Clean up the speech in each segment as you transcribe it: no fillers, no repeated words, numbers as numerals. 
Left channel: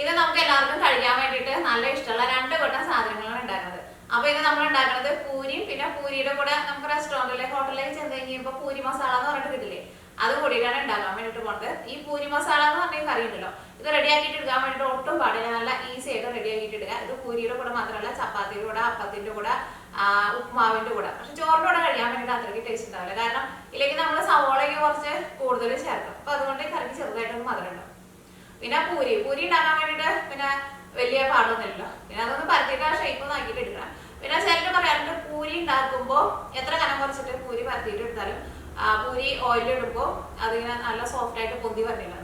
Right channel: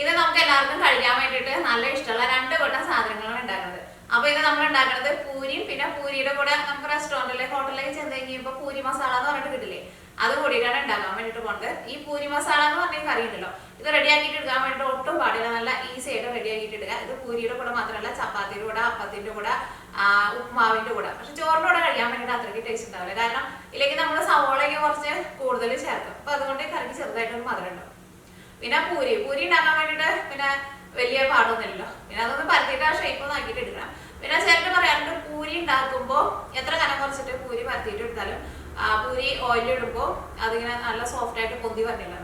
ഇത് നമുക്ക് എല്ലാവർക്കും കഴിക്കാൻ വേണ്ടിയിട്ട് നല്ല ഇഷ്ടമുള്ള 2 കൂട്ടം സാധനങ്ങളാണ് ഉണ്ടാക്കുന്നത്. അപ്പോൾ ഇത് നമ്മൾ ഉണ്ടാക്കുന്നത് പൂരിയും പിന്നെ പൂരിയുടെ കൂടെ നമുക്ക് റെസ്റ്റോറൻറ്റിലെ ഹോട്ടലിലേക്ക് ചെന്ന് കഴിഞ്ഞപ്പോൾ പൂരി മസാല എന്ന് പറഞ്ഞിട്ട് കിട്ടില്ലേ, അത് കൂടിയിട്ടാണ് ഉണ്ടാക്കാൻ വേണ്ടിയിട്ട് പോകുന്നത്. ഈ പൂരി മസാല എന്ന് പറഞ്ഞ കറി ഉണ്ടല്ലോ, ഇത് റെഡിയാക്കിയിട്ട് എടുക്കാൻ വേണ്ടിയിട്ട് ഒട്ടും പാടില്ല, നല്ല ഈസി ആയിട്ട് റെഡിയാക്കിയിട്ട് എടുക്കുക. ഇത് പൂരിയുടെ കൂടെ മാത്രമല്ല, ചപ്പാത്തിയുടെ കൂടെ, അപ്പത്തിൻ്റെ കൂടെ, ഉപ്മാവിൻ്റെ കൂടെ. പക്ഷെ ചോറിൻ്റെ കൂടെ കഴിക്കാൻ വേണ്ടിയിട്ട് അത്രയ്ക്ക് ടേസ്റ്റ് ഉണ്ടാവില്ല, കാരണം ഇതിലേക്ക് നമ്മൾ സവോളയൊക്കെ കുറച്ച് കൂടുതൽ ചേർക്കും. അപ്പോൾ അതുകൊണ്ട് ഈ കറിക്ക് ചെറുതായിട്ടൊരു മധുരം ഉണ്ടാവും. പിന്നെ പൂരി ഉണ്ടാക്കാൻ വേണ്ടിയിട്ട് പിന്നെ വലിയ പാടൊന്നുമില്ലല്ലോ, പിന്നെ അതൊന്ന് പരത്തിയിട്ട് ആ ഷേപ്പ് ഒന്ന് ആക്കിയിട്ട് എടുക്കണം. പിന്നെ ചിലർ പറയാറുണ്ട് പൂരി ഉണ്ടാക്കുമ്പോൾ എത്ര കനം കുറച്ചിട്ട് പൂരി പരത്തിയിട്ട് എടുത്താലും പൂരി ഓയിലിടുമ്പോൾ അതിങ്ങനെ നല്ല സോഫ്റ്റ് ആയിട്ട് പൊന്തി വരണില്ല.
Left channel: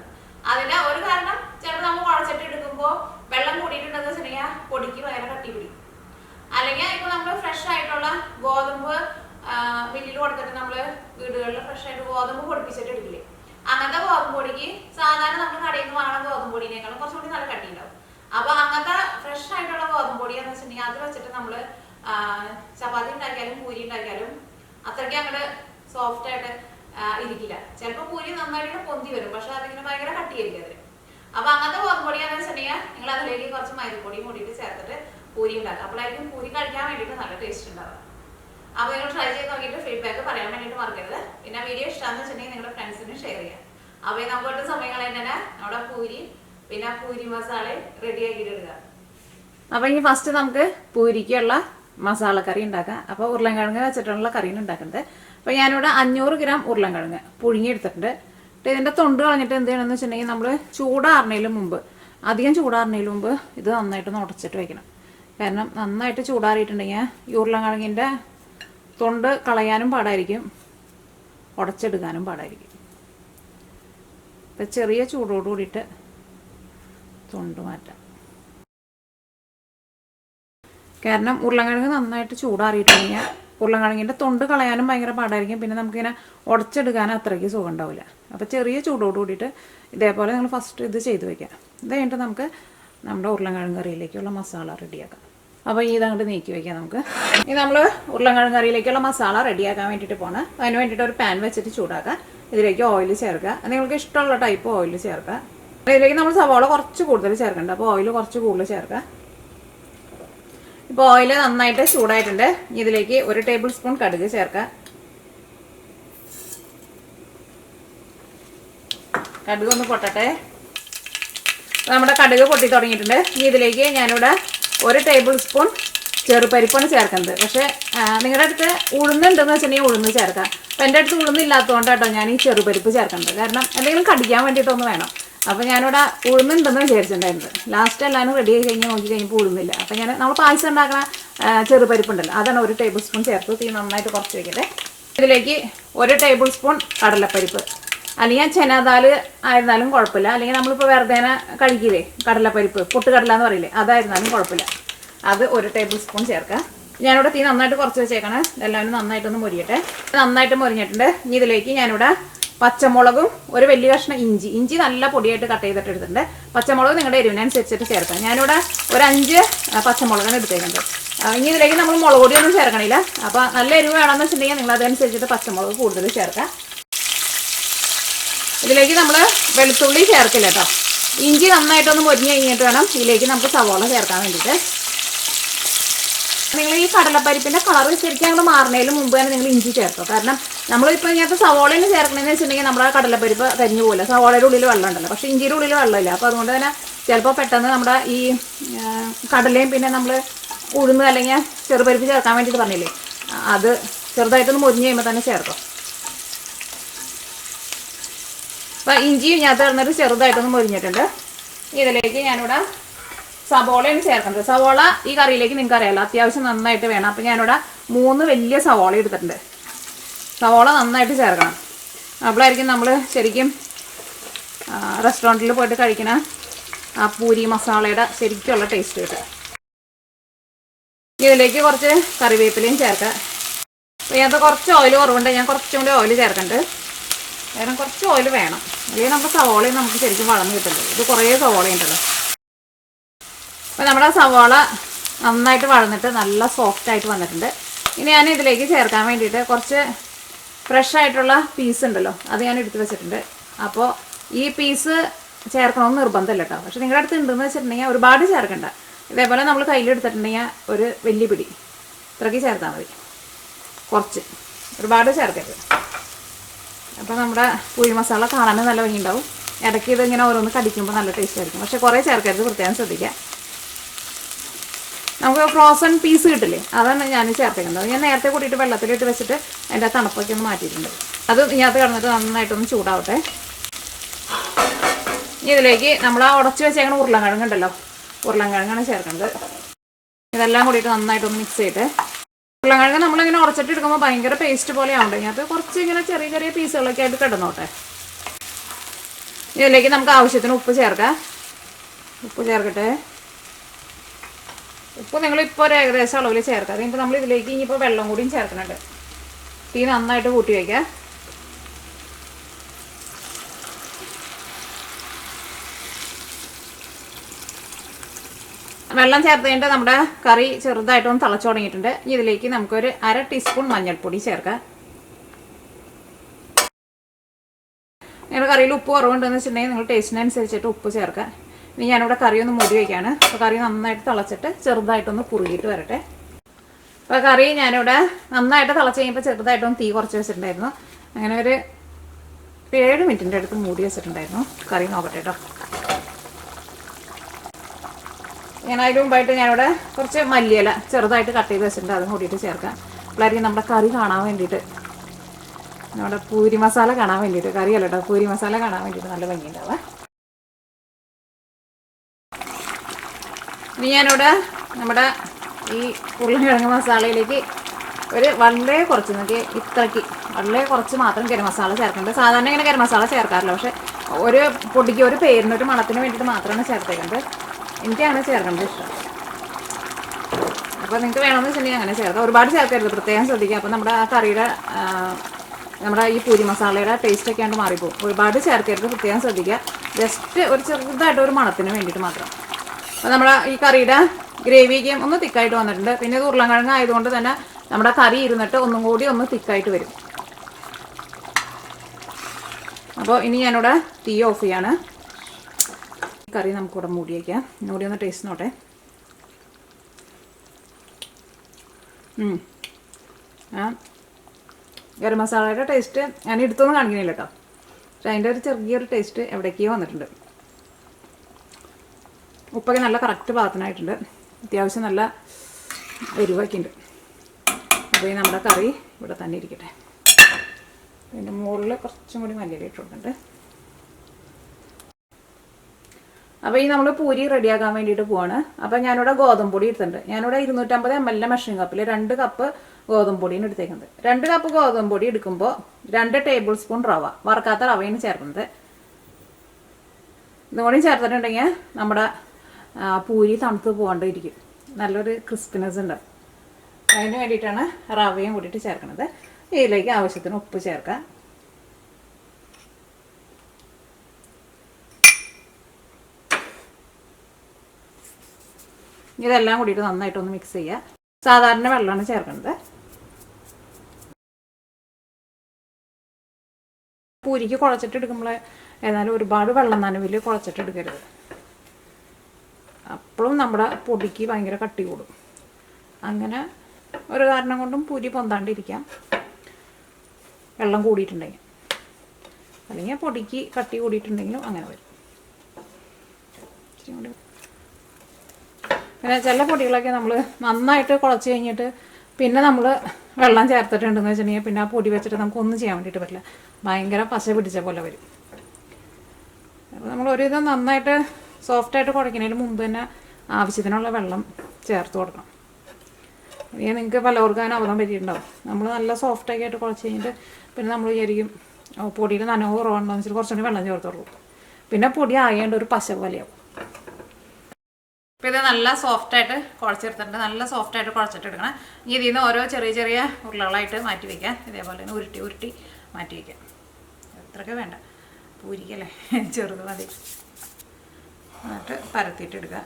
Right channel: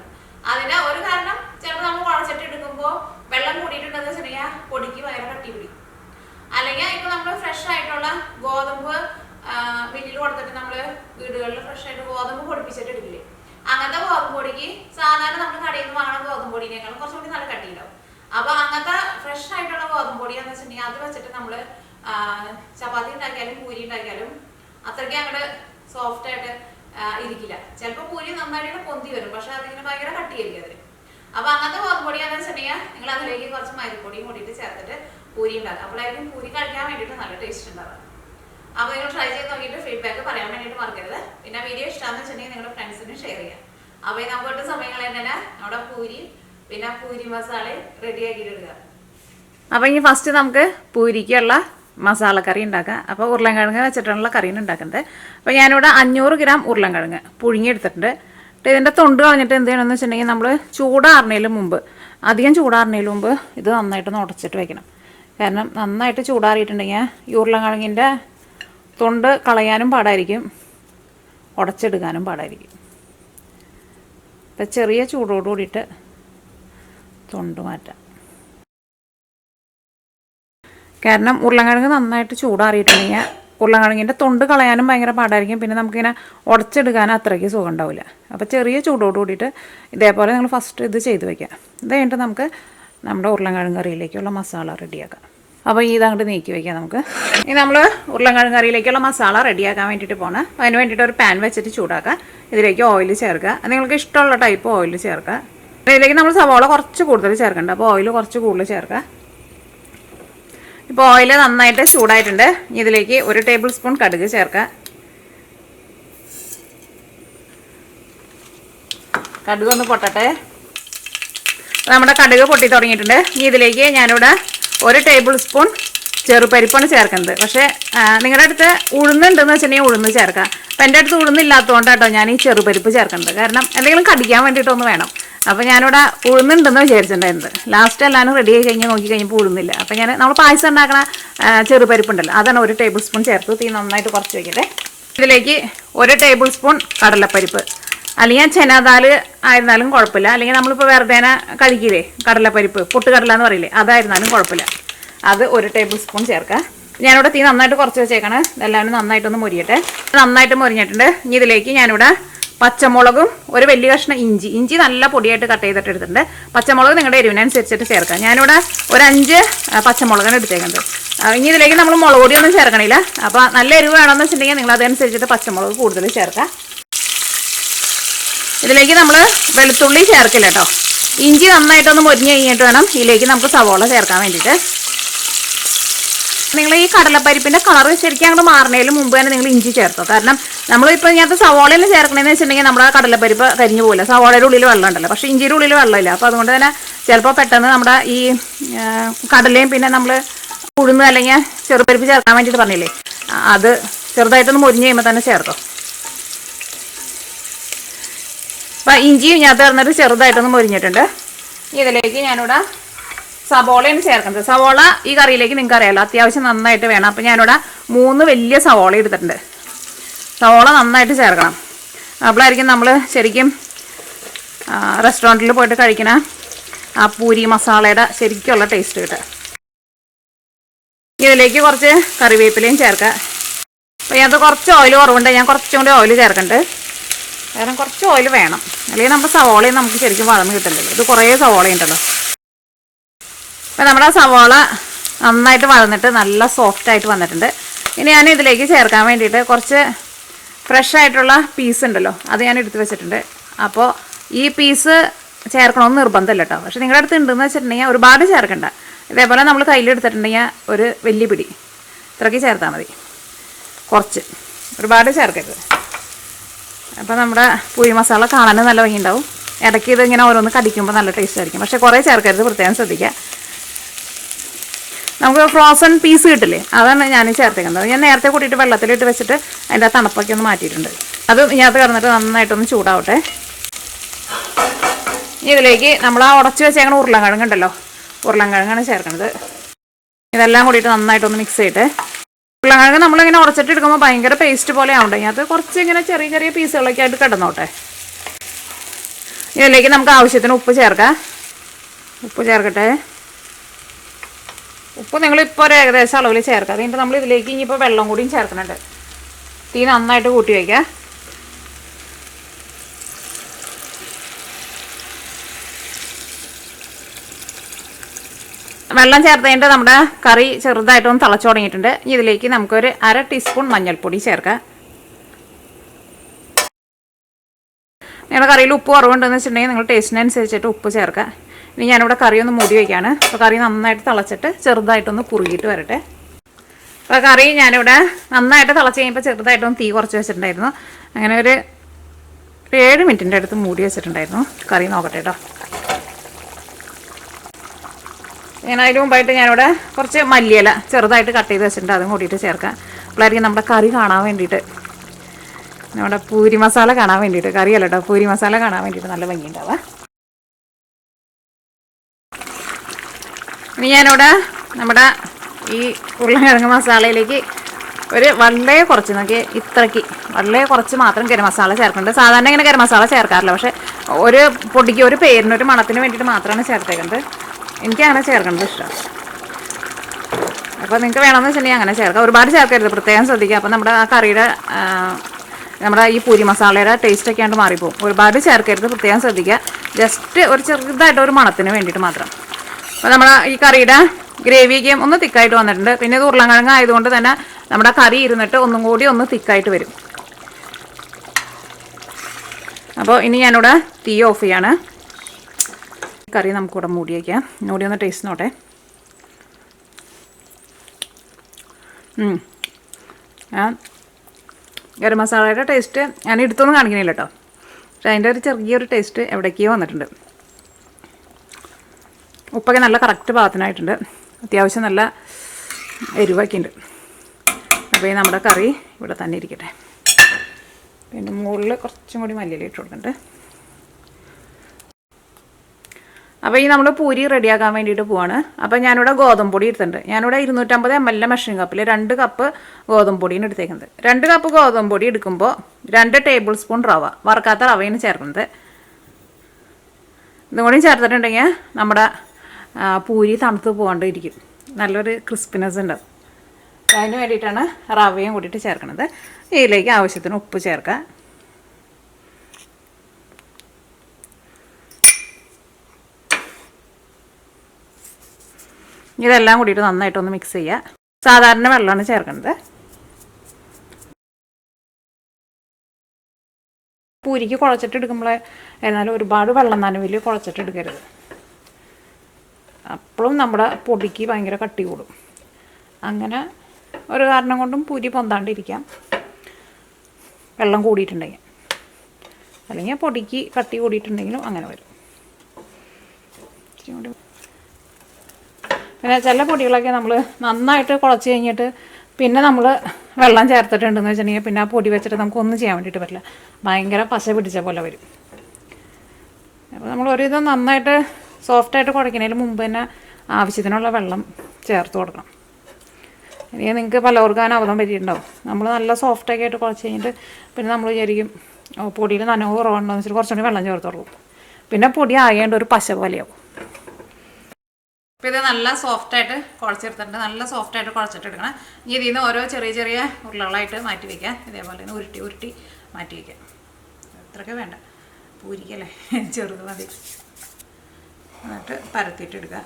അതിന്റെ ഒരു കാരണം ചിലപ്പോൾ നമ്മൾ കുഴച്ചിട്ട് എടുക്കുമ്പോൾ വെള്ളം കൂടിയിട്ടുണ്ടെന്ന് വെച്ചിട്ടുണ്ടെങ്കിൽ പൊടിക്ക് ഭയങ്കര കട്ടി പിടിക്കും. അല്ലെങ്കിൽ ഇപ്പോൾ നമ്മൾ ഫ്രഷ് ആയിട്ടുള്ള ഗോതമ്പ് മില്ലിൽ കൊടുത്തിട്ട് നമ്മൾ വീടുകളിൽ ഫ്രഷ് ആയിട്ട് ഗോതമ്പ് പൊടിപ്പിച്ചിട്ട് എടുക്കില്ലേ, അങ്ങനത്തെ ഗോതമ്പ് പൊടിക്ക് സാധാരണ നമ്മൾ കടയിൽ നിന്ന് വാങ്ങുന്ന ഗോതമ്പ് പൊടിനേക്കാളും കുറച്ചുകൂടി നല്ല കട്ടി ഉണ്ടാവും. അപ്പൊ അങ്ങനത്തെ ഫ്രഷ് ആയിട്ടുള്ള ഗോതമ്പ് പൊടിയാന്ന് വെച്ചിട്ടുണ്ടെങ്കിൽ അത് വെച്ചിട്ട് നമ്മൾ ചപ്പാത്തി ഉണ്ടാക്കിയാലും പൂരി ഉണ്ടാക്കിയാലും അത്രയ്ക്ക് അങ്ങോട്ട് സോഫ്റ്റ് ആയിട്ട് ഇരിക്കില്ല. ചിലപ്പോൾ പൂരി നന്നായിട്ട് പൊന്തി വരും, പക്ഷെ അതിങ്ങനെ ഭയങ്കര കട്ടിയായിരിക്കും അതിന്. അപ്പൊ അങ്ങനത്തെ ഗോതമ്പ് പൊടിയാന്ന് വെച്ചിട്ടുണ്ടെങ്കിൽ നിങ്ങൾ അതിലേക്ക് കുറച്ച് മൈദപ്പൊടിയും കൂടിയിട്ട് ചേർത്തിട്ട് പൂരി ഉണ്ടാക്കുക. അപ്പോഴായിരിക്കും പൂരി കഴിക്കാൻ വേണ്ടിയിട്ട് നല്ല ടേസ്റ്റ് ഉണ്ടാവുക. അപ്പോൾ നിങ്ങൾ ട്രൈ ചെയ്ത് നോക്കിയിട്ട് ഫീഡ്ബാക്ക് പറയാൻ വേണ്ടിയിട്ട് മറക്കരുത്. പിന്നെ വീഡിയോ ഇഷ്ടമാണെന്ന് വെച്ചിട്ടുണ്ടെങ്കിൽ നിങ്ങളുടെ ഫ്രണ്ട്സിന് ഷെയർ ചെയ്യാം. അപ്പോൾ നമുക്ക് സമയങ്ങളിൽ തന്നെ നമ്മുടെ പൂരി പിന്നെ പൂരി മസാല റെഡിയാക്കിയിട്ട് ഇടുക. അപ്പോൾ ഇനി ഫസ്റ്റ് നമുക്ക് പൂരിക്കുള്ള മസാലക്കറി ഉണ്ടാക്കാം. അപ്പോൾ ഉരുളൻകിഴങ്ങ് വെച്ചിട്ടുള്ള കറിയാണ് ഉണ്ടാക്കുന്നത്. അപ്പോൾ ഞാനിവിടെ 500 ഗ്രാം ഉരുളൻകിഴങ്ങ് പുഴുങ്ങിയെടുത്തിട്ടുണ്ട്. ഇതിൻ്റെ തൊണ്ട് കളഞ്ഞിട്ട് എന്ത് ചെയ്യണമെന്ന് വെച്ചിട്ടുണ്ടെങ്കിൽ നമ്മൾ ചൂടാറുന്നതിന് മുമ്പ്, അധികം ചൂടാറുന്നതിന് മുമ്പ് ഇത് നന്നായിട്ടൊന്ന് ഉടച്ചിട്ട് വെക്കണം. കാരണം നന്നായിട്ട് ചൂടാറിയിട്ടുണ്ടെങ്കിൽ ഈ ഉരുളൻകിഴങ്ങിൻ്റെ തൊണ്ട് കളയാനും പാടായിരിക്കും, ഉടച്ചെടുക്കാനും പാടായിരിക്കും. അപ്പം ചെറിയ ചൂടോട് കൂടിയിട്ട് തൊണ്ട് മാറ്റാം. കാരണം ഉരുളൻകിഴങ്ങ് നന്നായിട്ട് ചൂടാറിയിട്ടുണ്ടെങ്കിൽ ഉരുളൻകിഴങ്ങിൻ്റെ തൊണ്ട് കളയാനും ഭയങ്കര പാടായിരിക്കും, പിന്നെ നമുക്കിങ്ങനെ ഉടച്ചെടുക്കാനും അത്രയ്ക്ക് സുഖം ഉണ്ടാവില്ല. അപ്പോൾ ചെറിയ ചൂടോട് കൂടിയിട്ട് ഇതേപോലെ നിങ്ങൾ ഫസ്റ്റ് ഇത് ചെയ്ത് വയ്ക്കാം. ഇത് കഴിഞ്ഞിട്ട് നമുക്ക് നമ്മുടെ ഉരുളൻകിഴങ്ങ് കറിയിലേക്കുള്ള മസാല റെഡിയാക്കാം. അപ്പോൾ ഇതങ്ങോട്ട് നീക്കി വയ്ക്കാം. നമുക്ക് ഇനി നമ്മൾ ഉരുളൻകിഴങ്ങ് കറിയിലേക്കുള്ള മസാല റെഡിയാക്കാൻ വേണ്ടിയിട്ട് പോകണം. അതിന് വേണ്ടിയിട്ട് ഒരു പാൻ വെച്ചിട്ട് ചൂടാക്കുക. ഇതിലേക്ക് ഓയിൽ ചേർക്കുക. നിങ്ങൾക്ക് ഇഷ്ടമുള്ള ടൈപ്പ് ഓയിൽ ചേർക്കുക. ഇതിലേക്ക് നമ്മൾ സവാള കുറച്ച് കൂടുതൽ ചേർക്കണ്ട, അപ്പോൾ ഓയിൽ കുറച്ച് കൂടുതൽ ചേർക്കുക. ഇപ്പോൾ ഓയിൽ നന്നായിട്ട് ചൂടായിട്ടുണ്ട്. ഇതിലേക്ക് 1 ടേബിൾ സ്പൂൺ കടുക് ചേർക്കുക. കടുക് ഒന്ന് പൊട്ടട്ടെ. നമ്മുടെ കടുക് പൊട്ടി തുടങ്ങിയിട്ടുണ്ട്. ഇനി ഇതിലേക്ക് ഞാനിവിടെ 1 ടേബിൾ സ്പൂൺ ചെറുപരിപ്പാണ് ചേർക്കുന്നത്. പക്ഷേ നിങ്ങളുടെ അടുത്ത് ഉഴുന്നുണ്ടെന്ന് വെച്ചിട്ടുണ്ടെങ്കിൽ ഉഴുന്ന് ചേർക്കാം. അപ്പം എൻ്റെ അടുത്ത് ഉഴുന്നില്ലാത്തതുകൊണ്ട് കേട്ടോ ഞാൻ ഈ ചെറുപരിപ്പ് ചേർക്കുന്നത്. കാരണം എന്തെങ്കിലും കടിക്കാൻ വേണ്ടിയിട്ടൊന്ന് വേണം. അപ്പോൾ ഞാനിവിടെ ഉഴുന്നുണ്ടെന്ന് വിചാരിച്ചിട്ടുണ്ടായിരുന്നത്. ലാസ്റ്റ് എല്ലാവരും റെഡി ആയി കഴിഞ്ഞ് നോക്കി കഴിഞ്ഞപ്പോൾ ഉഴുന്നില്ല. അപ്പോൾ നമ്മൾ പായസം ഉണ്ടാക്കണ ചെറുപരിപ്പുണ്ടല്ലോ, അതാണ് 1 ടേബിൾ സ്പൂൺ ചേർത്ത് തീ നന്നായിട്ട് കുറച്ച് വയ്ക്കട്ടെ. ഇതിലേക്ക് 1 ടേബിൾ സ്പൂൺ കടലപ്പരിപ്പ്, അല്ലെങ്കിൽ ചെനാദാൽ ആയിരുന്നാലും കുഴപ്പമില്ല, അല്ലെങ്കിൽ നമ്മളിപ്പോൾ വെറുതെ കഴിക്കില്ലേ കടലപ്പരിപ്പ്, പൊട്ടുകടല എന്ന് പറയില്ലേ, അതായിരുന്നാലും കുഴപ്പമില്ല. അത് 1 ടേബിൾ സ്പൂൺ ചേർക്കുക. ഞാനിവിടെ തീ നന്നായിട്ട് കുറച്ച് വെച്ചേക്കാണ്. ഇതെല്ലാവരും നന്നായിട്ടൊന്ന് മൊരിയട്ടെ. നന്നായിട്ട് മൊരിഞ്ഞിട്ടുണ്ട്. ഇനി ഇതിലേക്ക് ഞാനിവിടെ പച്ചമുളകും 1 വലിയ കഷ്ണം ഇഞ്ചി നല്ല പൊടിയായിട്ട് കട്ട് ചെയ്തിട്ട് എടുത്തിട്ടുണ്ട്. പച്ചമുളക് നിങ്ങളുടെ എരിവിനനുസരിച്ചിട്ട് ചേർക്കാം. ഞാനിവിടെ 5 പച്ചമുളകാണ് എടുത്തേക്കുന്നത്. ഇനി ഇതിലേക്ക് നമ്മൾ മുളക് പൊടിയൊന്നും ചേർക്കണില്ല. അപ്പോൾ നല്ല എരിവ് വേണമെന്ന് വെച്ചിട്ടുണ്ടെങ്കിൽ നിങ്ങൾ അതനുസരിച്ചിട്ട് പച്ചമുളക് കൂടുതൽ ചേർക്കാം. ഇതിലേക്ക് നമ്മൾ വെളുത്തുള്ളി ചേർക്കില്ല കേട്ടോ. ഇഞ്ചി നന്നായിട്ടൊന്ന് മൊരിഞ്ഞ് കഴിഞ്ഞിട്ട് വേണം ഇതിലേക്ക് നമുക്ക് സവോള ചേർക്കാൻ വേണ്ടിയിട്ട്. നിങ്ങൾ ഈ കടലപ്പരിപ്പിൻ്റെ കളർ ശരിക്കും അങ്ങോട്ട് മാറുന്നതിന് മുമ്പ് തന്നെ നിങ്ങൾ ഇഞ്ചി ചേർത്തോ. കാരണം നമ്മളിപ്പോൾ ഇതിനകത്ത് സവോളയിൽ ചേർക്കണമെന്ന് വെച്ചിട്ടുണ്ടെങ്കിൽ നമ്മുടെ കടലപ്പരിപ്പ് കരിഞ്ഞു പോകില്ല. സവോളയുടെ ഉള്ളിൽ വെള്ളം ഉണ്ടല്ലോ, പക്ഷേ ഇഞ്ചിയുടെ ഉള്ളിൽ വെള്ളമില്ല. അപ്പോൾ അതുകൊണ്ട് തന്നെ ചിലപ്പോൾ പെട്ടെന്ന് നമ്മുടെ ഈ കടലയും പിന്നെ നമ്മൾ ഉഴുന്ന് അല്ലെങ്കിൽ ചെറുപരിപ്പ് ചേർക്കാൻ വേണ്ടിയിട്ട് പറഞ്ഞില്ലേ, അത് ചെറുതായിട്ടൊന്ന് മൊരിഞ്ഞ് കഴിയുമ്പോൾ തന്നെ ചേർത്തോ. അപ്പോൾ ഇഞ്ചിയും ഇതിനകത്ത് കിടന്നിട്ട് ചെറുതായിട്ടൊന്ന് മൊരിഞ്ഞിട്ടുണ്ട്. ഇതിലേക്ക് ഞാനിവിടെ സവോളയാണ് ചേർക്കുന്നത്. സവോള ഈ കറിയിലേക്ക് നിങ്ങൾക്ക് അറിയാമല്ലോ അത്യാവശ്യം നന്നായിട്ട് വേണം. അപ്പോൾ ഞാനിവിടെ 3 വലിയ സവോള എടുത്തിട്ടുണ്ട്. സവോള നന്നായിട്ട് ചേർക്കണം. അപ്പോഴായിരിക്കും നമ്മൾ ശരിക്കും റെസ്റ്റോറൻറ്റിൽ പോയിട്ട് കഴിക്കണ ആ പൂരി മസാലയുടെ ശരിക്കുള്ള ടേസ്റ്റ് കിട്ടുക. ഇതിലേക്ക് കുറച്ച് കറിവേപ്പിലയും ചേർക്കുക. അപ്പോൾ ഇതിനകത്ത് കുറച്ച് ഓയിൽ കുറവുണ്ട്, ഞാൻ കുറച്ചും കൂടി ഓയിൽ ചേർക്കുന്നുണ്ട്. കാരണം കുറച്ച് ഓയിൽ വേണം, അല്ലെങ്കിൽ നമ്മുടെ സവോളയും നമുക്ക് ശരിക്കും വളർന്ന് കിട്ടില്ലല്ലോ. ഇത് കുറേ സവോളയുണ്ടല്ലോ. അപ്പോൾ നമ്മുടെ സവോള നന്നായിട്ട് വളർന്നിട്ട് നല്ല സോഫ്റ്റായിട്ട് വന്നിട്ടുണ്ട്. ഇനി ഞാൻ ഇതിലേക്ക് ചേർക്കാൻ വേണ്ടിയിട്ട് കുറച്ച് ഫ്രഷ് ആയിട്ടുള്ള പീസ് ഉണ്ടല്ലോ, അത് ഞാൻ എടുത്ത് വെച്ചിട്ടുണ്ട്. അപ്പോൾ ഈ പീസ് ചേർക്കണമെന്ന് നിർബന്ധമില്ല കേട്ടോ. പക്ഷെ നിങ്ങളുടെ അടുത്ത് ഉണ്ടെന്ന് വെച്ചിട്ടുണ്ടെങ്കിൽ ഒരുപാട് ചേർക്കണ്ട. ഇതേപോലെ നമ്മൾ കയ്യിലെടുത്തിട്ടുണ്ടെങ്കിൽ ഒരു വലിയ പിടി ഇത്രയ്ക്ക് ചേർത്താൽ മതി. കുറച്ച്, ഒരുപാട് ചേർക്കരുത്. അപ്പോൾ നമ്മുടെ പൂരി മസാല കാണാനും നല്ല ഭംഗിയുണ്ടാവും. ഇടയ്ക്ക് ഇതിങ്ങനെ ഓരോന്ന് കടിക്കുമ്പോൾ നല്ല ടേസ്റ്റ് ആയിരിക്കും. പക്ഷേ കുറേ ചേർക്കരുത്, പ്രത്യേകം ശ്രദ്ധിക്കുക. നമുക്ക് ഫ്രോസൺ പീസ് കിട്ടില്ലേ, അതാണ് ഞാൻ ചേർത്തേക്കുന്നത്. ഞാൻ നേരത്തെ കൂട്ടിയിട്ട് വെള്ളത്തിലിട്ട് വെച്ചിട്ട് അതിൻ്റെ തണുപ്പൊക്കെ ഒന്ന് മാറ്റിയിട്ടുണ്ട്. അത് ഇതിനകത്ത് കിടന്നിട്ട് നന്നായിട്ടൊന്ന് ചൂടാവട്ടെ. ഇതിലേക്ക് നമ്മൾ ആ ഉടച്ച് വെച്ചേക്കണ ഉരുളൻകിഴങ്ങുണ്ടല്ലോ, ഉരുളൻകിഴങ്ങാണ് ചേർക്കുന്നത്. ഇതെല്ലാം കൂടിയിട്ട് നന്നായിട്ടൊന്ന് മിക്സ് ചെയ്തിട്ട്, ഉരുളൻകിഴങ്ങ് നമ്മളിങ്ങനെ ഉടച്ചിട്ട് എടുക്കുമ്പോൾ ഭയങ്കര പേസ്റ്റ് പോലെ ആവണ്ടേ, അതിനകത്ത് കുറച്ച് ഇങ്ങനെ ചെറിയ ചെറിയ പീസുകളൊക്കെ ആയിട്ട് കിടന്നോട്ടെ. ഇതിലേക്ക് നമുക്ക് ആവശ്യത്തിന് ഉപ്പ് ചേർക്കാം. ഉപ്പ് ചേർക്കട്ടെ. ഉപ്പ് നിങ്ങളിപ്പോൾ ഒരു ഏകദേശം അളവിൽ ചേർക്കാം. അതിൻ്റെ നമ്മൾ ഇതിലേക്ക് ഇനിയിപ്പോൾ വെള്ളം കൂടിയും ചേർക്കുന്നുണ്ട്. തീ നന്നായിട്ട് കൂട്ടി വയ്ക്കുക. വെള്ളം ചേർത്ത് കഴിഞ്ഞിട്ട് നമ്മുടെ കറി ചെറുതായിട്ടൊന്ന് തിളച്ചു തുടങ്ങിയിട്ടുണ്ട്. ഇതിലേക്ക് നമുക്കൊരു 1/2 ടീസ്പൂൺ മഞ്ഞൾപ്പൊടി ചേർക്കാം. നിങ്ങളുടെ കറിയിൽ ഉപ്പ് കുറവുണ്ടെന്ന് വെച്ചിട്ടുണ്ടെങ്കിൽ നിങ്ങൾ ടേസ്റ്റിനനുസരിച്ചിട്ട് ഉപ്പ് ചേർക്കുക. ഇനി ഞാനിവിടെ കറി ഒന്ന് മൂടി വയ്ക്കുകയാണ്. അപ്പോൾ കറി നന്നായിട്ട് തിളച്ചിട്ട് ചെറുതായിട്ടൊന്ന് കുറുകിയിട്ട് വരട്ടെ. അപ്പോൾ കറി ഞാനിവിടെ നന്നായിട്ട് തിളച്ച് കഴിയുമ്പോൾ ചെറുതായിട്ടൊന്ന് തീ കുറച്ച് വെച്ചിട്ടുണ്ടായിരുന്നു. അങ്ങനെ ഒരു 7 മിനിറ്റിൻ്റെ അടുത്ത് മൂടി വെച്ചിട്ടുണ്ടായിരുന്നു. കറി നോക്കട്ടെ കേട്ടോ. ഞാൻ അതിന് മുമ്പായിട്ട് ഞാനിവിടെ കുറച്ച് മല്ലിയില ചെറുതായിട്ട് കട്ട് ചെയ്ത് വെച്ചിട്ടുണ്ട്, അതും കൂടിയിട്ട് ചേർക്കാം. അപ്പോഴായിരിക്കും നമ്മുടെ കറി കാണാൻ വേണ്ടിയിട്ട്, നമ്മുടെ പൂരി മസാല കാണാൻ വേണ്ടിയിട്ട്, കറിയല്ല കേട്ടോ, പൂരി മസാല കാണാൻ വേണ്ടിയിട്ട് നല്ല ഭംഗിയുണ്ടാവുക. ഇനി ഞാനിവിടെ നമ്മുടെ ഈ ഉരുളക്കിഴങ്ങ് മസാലയിലേക്ക് ഒരു വളരെ കുറച്ച് നോക്കി ഇത്രയ്ക്ക് വളരെ കുറച്ച് മാത്രം ഗരം മസാല ചേർക്കുന്നുണ്ട്. സാധാരണ ഇങ്ങനെ ഗരം മസാല ചേർക്കാറില്ല, പക്ഷേ ഒരു പൊടിക്ക് ഒരു പേരിന് ഒരു മണത്തിന് വേണ്ടിയിട്ട് മാത്രമാണ് ചേർത്തേക്കുന്നത്. എനിക്കങ്ങനെ ചേർക്കേണ്ടത് ഇഷ്ടം. അപ്പോൾ നിങ്ങൾക്ക് വേണമെന്ന് വെച്ചിട്ടുണ്ടെങ്കിൽ അങ്ങനെ ചേർക്കാം. ഒരുപാട് ചേർക്കരുത്, പ്രത്യേകം ശ്രദ്ധിക്കുക. അപ്പോൾ നമ്മുടെ ആ കറിയുടെ നമ്മുടെ ഈ പൂരി മസാലയുടെ ടേസ്റ്റൊക്കെ ആണ്ട് മാറിപ്പോവും. ഒരുപാട് ചേർക്കരുത്, പ്രത്യേകം ശ്രദ്ധിക്കുക. ജസ്റ്റ് ഒരു ചെറുതായിട്ട് ഒരു മണത്തിന് വേണ്ടിയിട്ട് മാത്രം. അപ്പോൾ നമ്മൾ ഈ കറിയുടെ ഗ്രേവിക്ക് ഒന്ന് തിക്കായിട്ട് വന്നിട്ടുണ്ട്. പിന്നെ ഇത് ഉരുളക്കിഴങ്ങ് ആയതുകൊണ്ട് തന്നെ നമ്മുടെ കറി ഇരുന്നിട്ട് ഒന്നും കൂടി ഒന്ന് തിക്കായിട്ട് വരും. അപ്പോൾ ഇനി ഞാനിവിടെ തീ ഓഫ് ചെയ്യാണ്. കറി നമുക്കിവിടെ മൂടി വയ്ക്കാം. മൂടി ഒന്ന് ടേസ്റ്റ് നോട്ടെ. ഗരം മസാലയുടെ ടേസ്റ്റ് ഞാൻ എടുത്തൊന്നും കാണിക്കുന്നില്ല കേട്ടോ. പക്ഷെ അതിൻ്റെ ഒരു ചെറിയൊരു ടേസ്റ്റ് എവിടേക്കോ വന്നിട്ടുണ്ട്. ഉപ്പൊക്കെ നല്ല കറക്റ്റ് പാകത്തിനായിട്ടുണ്ട്. അത്യാവശ്യം നല്ല എരിവൊക്കെ ഉണ്ട്. അപ്പോൾ ഈ നമ്മുടെ കറി ഇവിടെ തന്നെ ഇരിക്കട്ടെ. പിന്നെ മുകളിൽ കുറച്ചും കൂടി മല്ലിയില ഇട്ട് കൊടുക്കുന്നുണ്ട്. അപ്പോൾ ഈ നമ്മൾ പൂരി റെഡിയാക്കാൻ വേണ്ടിയിട്ട് പോവാണ്. അപ്പോൾ ഞാനിവിടെ ഗോതമ്പ് പൊടി എടുത്തിട്ടുണ്ട്. ഞാനിവിടെ 250 ml മെഷറിംഗ് കപ്പിൽ 2 കപ്പ് ഗോതമ്പ് പൊടിയാണ് എടുത്തേക്കുന്നത്. 2 കപ്പ് ഗോതമ്പ് പൊടി എടുക്കുമ്പോൾ 2 ടേബിൾ സ്പൂൺ റവ, വറുക്കാത്ത റവയാണ് ചേർക്കുന്നത്. ഇതും കൂടി ചേർത്തിട്ടുണ്ടെങ്കിൽ നമ്മുടെ പൂരി തണുത്ത് പോകാണ്ടിരിക്കും, നല്ലൊരു ക്രിസ്പിനെസ് ഉണ്ടാവും. അതിന് വേണ്ടിയിട്ടാണ് റവയും കൂടിയിട്ട് ചേർക്കുന്നത്. ഇതിലേക്ക് ആവശ്യത്തിന് ഉപ്പ് ചേർക്കുക. ഇതെല്ലാം കൂടിയിട്ട് നന്നായിട്ടൊന്ന് മിക്സ് ചെയ്യുക. സാധാരണ വെള്ളമാണ് ചേർക്കുന്നത്. പൂരിക്ക് കുഴച്ചിട്ട് എടുക്കുമ്പോൾ എന്നാലും ഒരുപാട് വെള്ളം നനവിൽ കുഴച്ചിട്ട് എടുക്കരുത്. അപ്പോഴും നമ്മുടെ പൊടിക്ക് ഭയങ്കര കട്ടി കൂടും. അങ്ങനെ ഒരു കാരണം കൊണ്ടും പൂരി പൊന്താണ്ടിരിക്കാം, വെള്ളം കൂടിയിട്ടുണ്ടെങ്കിൽ. അല്ലെങ്കിൽ പൊടിക്ക് കട്ടി കൂടിയിട്ടുണ്ടെങ്കിലും അങ്ങനെ വരും. പിന്നെ ചില പൊടികളൊക്കെ നമ്മൾ നന്നായിട്ട് കുഴച്ച് കഴിഞ്ഞിട്ട് പിന്നെ നമ്മൾ വെള്ളം ചേർത്തിട്ടുണ്ടെന്ന് വെച്ചിട്ടുണ്ടെങ്കിൽ പിന്നെ ആ പൊടി വെച്ചിട്ട് നമുക്കൊന്നും ചെയ്യാൻ വേണ്ടിയിട്ട് പറ്റില്ല, ഭയങ്കര പശ പിടിച്ച പോലെ വരും. അപ്പോൾ നമ്മൾ ഒരുവിധം നന്നായിട്ട് സോഫ്റ്റായിട്ട് കുഴയ്ക്കുന്നതിന് മുമ്പ് തന്നെ ആവശ്യത്തിനുള്ള വെള്ളം ചേർത്ത് കൊടുക്കണം. അല്ലെങ്കിൽ നിങ്ങൾക്ക് പലവർക്കും അബദ്ധം പറ്റിയിട്ടുണ്ടാവും. നമ്മൾ നല്ല സോഫ്റ്റൊക്കെ ആയിട്ട് കുഴച്ച് കഴിഞ്ഞിട്ട് പിന്നെ നമ്മൾ വിചാരിക്കും പൊടിയിൽ നനവ് കുറവുണ്ടോ എന്ന് വെച്ചിട്ട് കുറച്ചുകൂടി വെള്ളം ചേർത്ത് കൊടുക്കും. പിന്നെ പൊടി ആകേണ്ട ഒരു പശ പോലെയാവും. അപ്പോൾ ഇത് നല്ല സോഫ്റ്റായിട്ട് കുഴച്ചെടുത്തിട്ടുണ്ട്. നല്ല സോഫ്റ്റായിട്ട് കുഴച്ചിട്ട് എടുക്കണം. ഇനി ഇതിൽ നിന്ന് ഓരോ ചെറിയ ചെറിയ ഉരുളകളായിട്ട് മാറ്റി വയ്ക്കുക. ഇതേപോലെ തന്നെ ഉരുട്ടി ഉരുട്ടി മാറ്റി വയ്ക്കുക. ഇത്രയൊക്കെ വേണ്ട, പൂരിക്കല്ലേ, ചെറുത് മതി. എന്നിട്ട് പരത്തിയിട്ട് എടുക്കുക.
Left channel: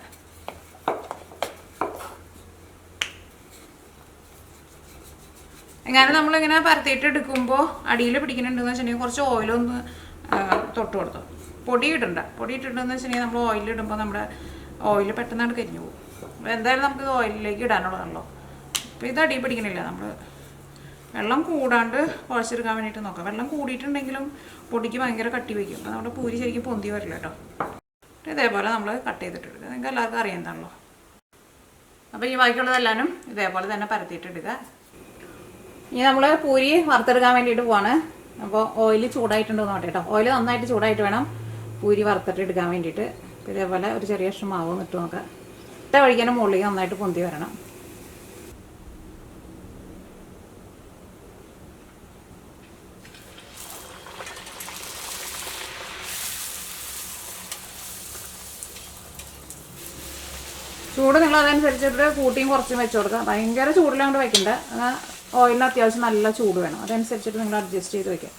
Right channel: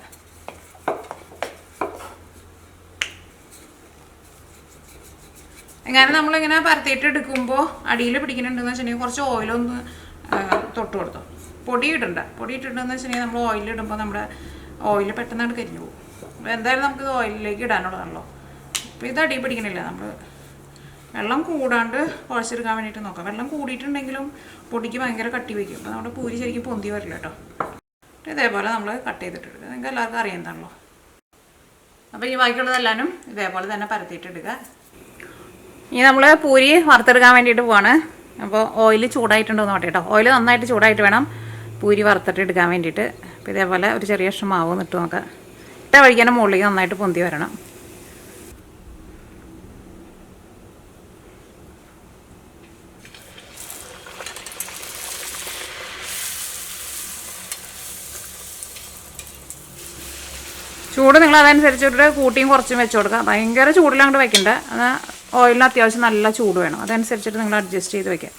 എങ്ങനെ നമ്മളിങ്ങനെ പരത്തിയിട്ട് എടുക്കുമ്പോൾ അടിയിൽ പിടിക്കുന്നുണ്ടെന്ന് വെച്ചിട്ടുണ്ടെങ്കിൽ കുറച്ച് ഓയിലൊന്ന് തൊട്ട് കൊടുത്തു. പൊടി ഇടണ്ട. പൊടി ഇട്ടിട്ടുണ്ടെന്ന് വെച്ചിട്ടുണ്ടെങ്കിൽ നമ്മൾ ഓയിലിടുമ്പോൾ നമ്മുടെ ഓയിൽ പെട്ടെന്നായിട്ട് കരിഞ്ഞു പോകും. അപ്പോൾ എന്തായാലും നമുക്കിത് ഓയിലിലേക്ക് ഇടാനുള്ളതാണല്ലോ. അപ്പോൾ ഇത് അടി പിടിക്കണില്ല. നമ്മൾ വെള്ളം കൂടാണ്ട് കുഴച്ചെടുക്കാൻ വേണ്ടിയിട്ട് നോക്കാം. വെള്ളം കൂടിയിട്ടുണ്ടെങ്കിലും പൊടിക്ക് ഭയങ്കര കട്ടി വയ്ക്കും. അപ്പോൾ നമ്മുടെ പൂരി ശരിക്കും പൊന്തി വരില്ല കേട്ടോ. ഇതേപോലെ നമ്മൾ കട്ട് ചെയ്തിട്ടെടുക്കുക. നിങ്ങൾക്ക് എല്ലാവർക്കും അറിയുന്നതാണല്ലോ. അപ്പോൾ ഈ ബാക്കിയുള്ളതെല്ലാനും ഇതേപോലെ തന്നെ പരത്തിയിട്ടെടുക്കുക. ഇനി നമ്മൾ പൂരി വറുത്തെടുക്കാൻ വേണ്ടിയിട്ട് പോവാണ്. അപ്പോൾ ഓയിൽ ചൂടായിട്ടുണ്ടോ എന്ന് നോട്ടെ കേട്ടോ. ഓയിൽ നന്നായിട്ട് ചൂടായിട്ട് വേണം പൂരി വറുത്തിട്ട് എടുക്കാൻ വേണ്ടിയിട്ട്. അപ്പോൾ ഇതേപോലെ ഒരു ചെറിയ കഷ്ണം മാവ് ഇട്ട് നോക്കാം. ഇട്ട വഴിക്കാനും മുകളിലേക്ക് നന്നായിട്ട് പൊന്തി വരണം. ചൂട് നിങ്ങൾ അതനുസരിച്ചിട്ട് കൂട്ടിയും കുറച്ചും വെച്ച് കൊടുക്കുക. ഭയങ്കര ചൂടിലങ്ങോട്ട് വെക്കണ്ട. ഓയിലിന് അത്യാവശ്യം നല്ല ചൂട് വേണം. അതനുസരിച്ചിട്ട് നിങ്ങൾ അഡ്ജസ്റ്റ് ചെയ്ത് വെക്കുക.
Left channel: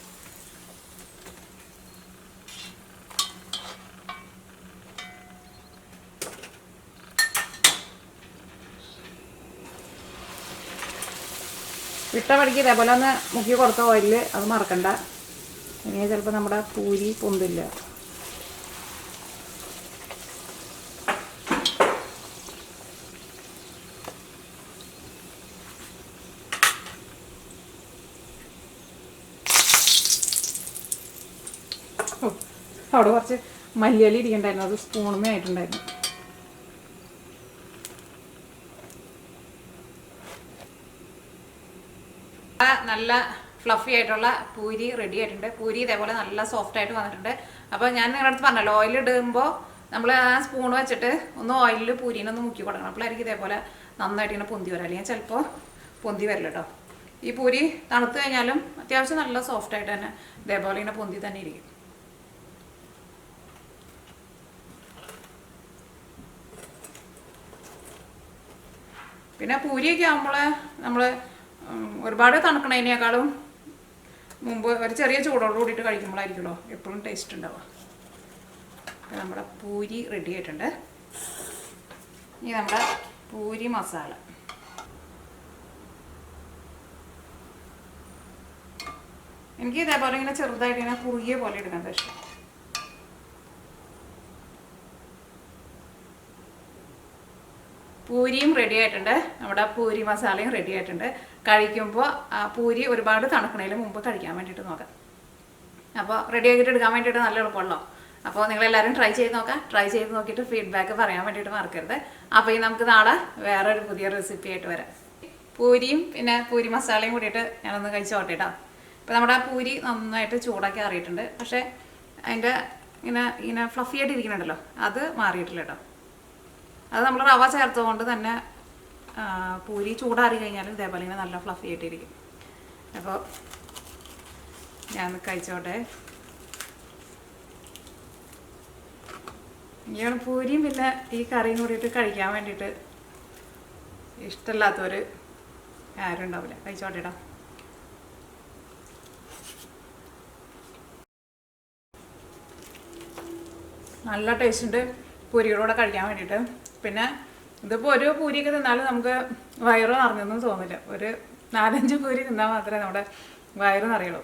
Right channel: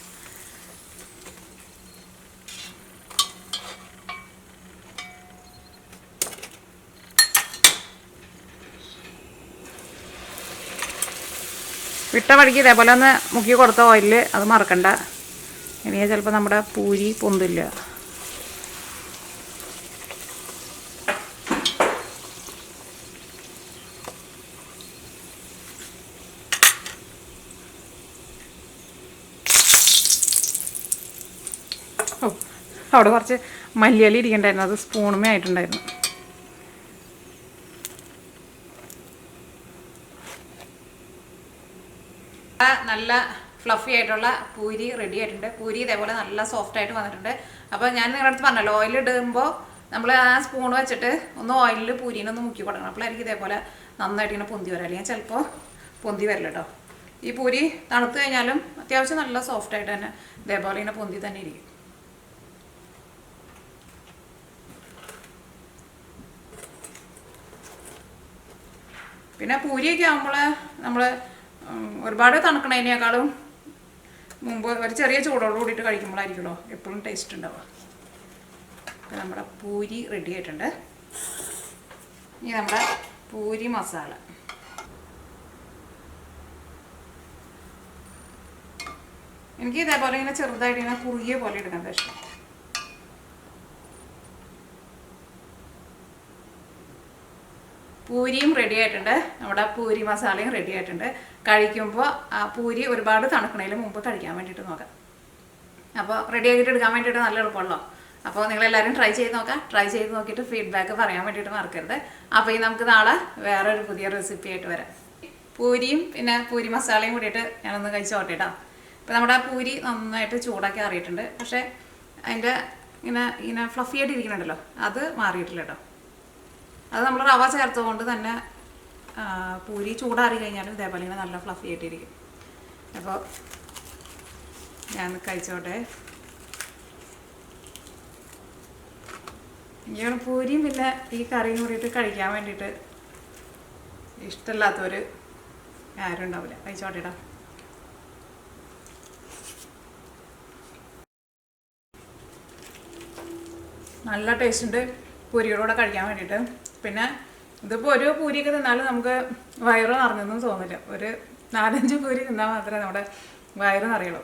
വിട്ട വഴിക്ക് ഇതേപോലെ ഒന്ന് മുക്കി കൊടുത്ത ഓയിലിൽ അത് മറക്കണ്ട. ഇനി ചിലപ്പോൾ നമ്മുടെ പൂരി പൊന്തില്ല. അവിടെ കുറച്ച് മല്ലിയില ഇരിക്കണ്ടായിരുന്നു. അത് സ്പൂണുമേ ആയിട്ടുണ്ടായിരുന്നു. നല്ല ഫ്ലഫി ആയിട്ടുള്ള പൂരി റെഡി ആയിട്ടുണ്ട്. പൂരി ഇതേപോലെ നല്ല സോഫ്റ്റ് ആയിട്ട് വന്നിട്ടുണ്ട്. അപ്പോൾ ഞാൻ നിങ്ങളുടെ അടുത്ത് പറഞ്ഞല്ലോ, ഓയിൽ ഇടുമ്പോൾ നമ്മൾ ആ സ്പൂൺ വെച്ചിട്ട് ഒന്ന് ഓയിലിൽ പൂരീനൊന്ന് മുക്കി കൊടുക്കണം. അപ്പോഴായിരിക്കും ഇതേപോലെ നന്നായിട്ട് ഇങ്ങനെ പൊന്തി വരാം. അല്ലെങ്കിൽ ചിലപ്പോൾ പൊന്തി വരില്ല കേട്ടോ. ഈ പൂരി തണുത്ത് കഴിഞ്ഞാലും അത്യാവശ്യം നല്ല സോഫ്റ്റ് ആയിട്ട് തന്നെ ഇതേപോലെ ഇങ്ങനെ പൊന്തി തന്നെ ഇരിക്കും. പിന്നെ പൂരിയൊക്കെ ആകുമ്പോൾ നമ്മൾ ഒരുപാട് തണുക്കണതിനേക്കാളും മുമ്പ് ഒരു ചെറിയ ചൂടോട് കൂടിയിട്ട് കഴിക്കുമ്പോഴായിരിക്കുമല്ലോ എപ്പോഴും ടേസ്റ്റ് ഉണ്ടാവുക. അപ്പോൾ നമ്മുടെ പൂരി റെഡി ആയിട്ടുണ്ട്. ഇനി നമ്മുടെ പൂരി മസാല. എനിക്ക് ഇതേപോലെ ഇങ്ങനെ ചെറുതായിട്ട് ഇങ്ങനെ കുറുകിയ പോലെ എടുക്കാൻ ഇഷ്ടം. പൂരിയും റെഡി ആയിട്ടുണ്ട്. നമ്മുടെ പൂരി മസാലയും റെഡി ആയിട്ടുണ്ട്. കഴിക്കുമ്പോൾ പൂരി ഒരുപാട് തണുക്കണതിന് മുമ്പ് കഴിക്കാൻ വേണ്ടിയിട്ട് നോക്കാം. അപ്പോൾ റെഡി ആക്കിയിട്ട് എടുക്കാൻ വേണ്ടിയിട്ട് നല്ല എളുപ്പമുള്ളൂ. അപ്പോൾ നിങ്ങളെല്ലാവരും ട്രൈ ചെയ്ത് നോക്കാം. ട്രൈ ചെയ്ത് നോക്കിയിട്ട് ഫീഡ്ബാക്ക് പറയാൻ വേണ്ടിയിട്ട് മറക്കരുത്. അപ്പോൾ ഈ നമുക്ക് നാളെ വേറൊരു പുതിയ റെസിപ്പി ആയിട്ട് വരാം. പൂരിയും പിന്നെ പൂരി മസാലയും കൂടിയിട്ട് ഞാനൊന്ന് കഴിച്ച് നോട്ടിട്ടോ. ഇപ്പോൾ നമ്മുടെ ആ പൂരി നന്നായിട്ട് ചൂടാക്കി അറിയിട്ടുണ്ട്. പക്ഷേ അതിൻ്റെ ഇങ്ങനെ ഫ്ലഫി ആയിട്ട് ഇരിക്കുന്നുണ്ടല്ലോ, അത് മാറിയിട്ടില്ല കേട്ടോ. അത് നമ്മൾ റവ ചേർത്തുകൊണ്ട് തന്നെ പൂരി ചൂടാറി കഴിഞ്ഞാലും ഇതേപോലെ ഇങ്ങനെ നല്ല ഫ്ലഫി ആയിട്ടിരിക്കും. അപ്പോൾ ഞാൻ കഴിച്ചോട്ടെ. ഇങ്ങനെ പൂരിയും പിന്നെ ഈ കറിയും കൂടിയിട്ട് കഴിക്കാൻ വേണ്ടിയിട്ട് ഇഷ്ടമില്ലാത്തവർ ആരും ഉണ്ടാവില്ല. കഴിച്ചോട്ടേടാ. നല്ല ടേസ്റ്റ് ഉണ്ട് പൂരികളൂടെ കഴിക്കാൻ വേണ്ടിയിട്ട്. പിന്നെ ഇതിപ്പോൾ ഒരു പൂരിയൊക്കെ തിന്നാലും നമുക്ക് വയറ് നിറഞ്ഞൊന്നും തോന്നില്ല. ഒരു 4-5 പൂരി തിന്നാൽ മാത്രമേ നമ്മുടെ വയറ് നിറയുള്ളൂ.